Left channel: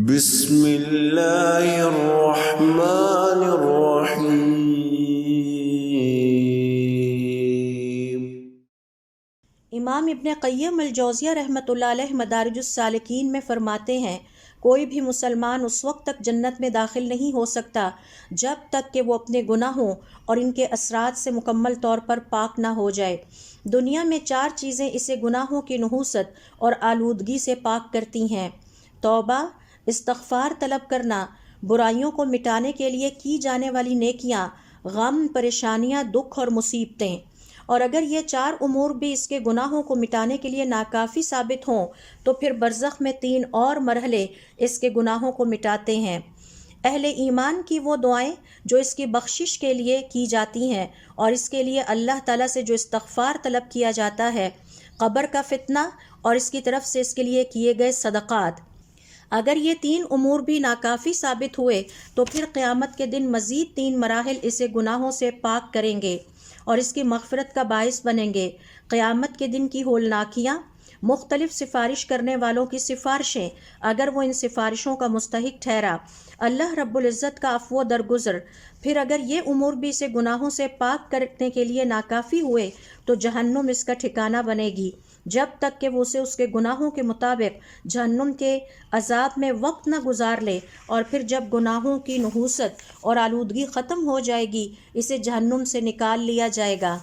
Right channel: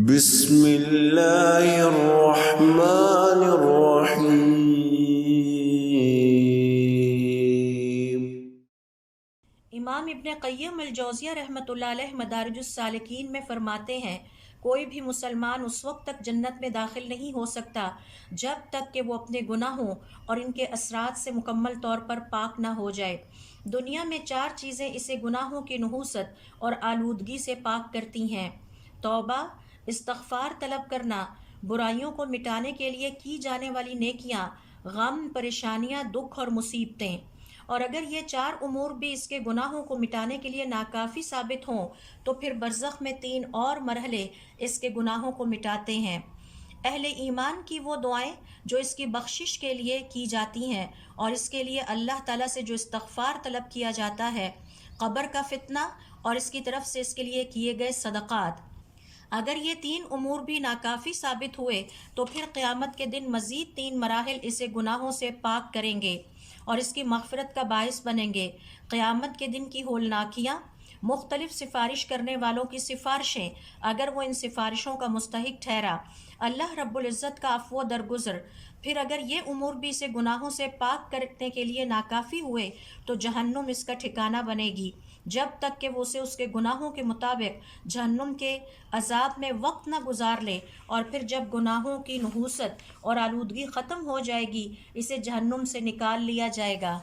بسم اللہ الرحمن الرحیم۔ امام ابن قیم الجوزیہ رحمۃ اللہ علیہ مدارج السالکین میں فرماتے ہیں، کوئی بھی مسلمان اس وقت تک جنت میں داخل نہیں ہو سکتا جب تک کہ وہ اپنے گناہوں اور ان کے اثرات سے مکمل طور پر پاک نہ ہو جائے۔ دنیا میں 4 چیزیں اسے گناہوں کی نحوست اور آلودگی سے پاک کرتی ہیں: توبہ، استغفار طلب کرنا، برائیوں کو مٹانے کے لیے کی جانے والی نیکیاں، غم، پریشانیاں، دکھ اور مصیبتیں۔ اور اگر یہ 4 امور بھی اس کے گناہوں کو مٹانے کے لیے ناکافی ثابت ہوں تو پھر برزخ میں 3 اور مرحلے اس کے گناہوں کو مٹاتے ہیں۔ اہل ایمان کی وہ دعائیں جو اس کی بخشش کے لیے کی جاتی ہیں اور اس کے لیے اللہ تعالیٰ سے جو استغفار طلب کیا جاتا ہے، قبر کا فتنہ اور اس کی طرف سے اس کے لیے کیے گئے صدقات۔ اگر یہ 3 امور بھی ناکافی ثابت ہوئے تو پھر قیامت کے دن مزید 3 مراحل اسے گناہوں سے پاک کریں گے اور اس کی مغفرت کا باعث بنیں گے۔ قیامت کے دن کی ہولناکیاں، مختلف سفارش کرنے والوں کی سفارشیں، اگر وہ ان سفارشوں کا مستحق ٹھہرا، اللہ رب العزت کا عفو و درگزر۔ پھر اگر یہ امور بھی اسے گناہوں سے پاک کرنے کے لیے ناکافی ہوئے تو جہنم اس کا ٹھکانہ بنے گی، جب تک کہ وہ اسے اس کے گناہوں کے مطابق جہنم کے عذاب میں وقت نہ گزار لے، اور پھر جب گناہوں کی نحوست اور آلودگی ختم ہو جائے گی اسے جہنم سے نکال لیا جائے گا۔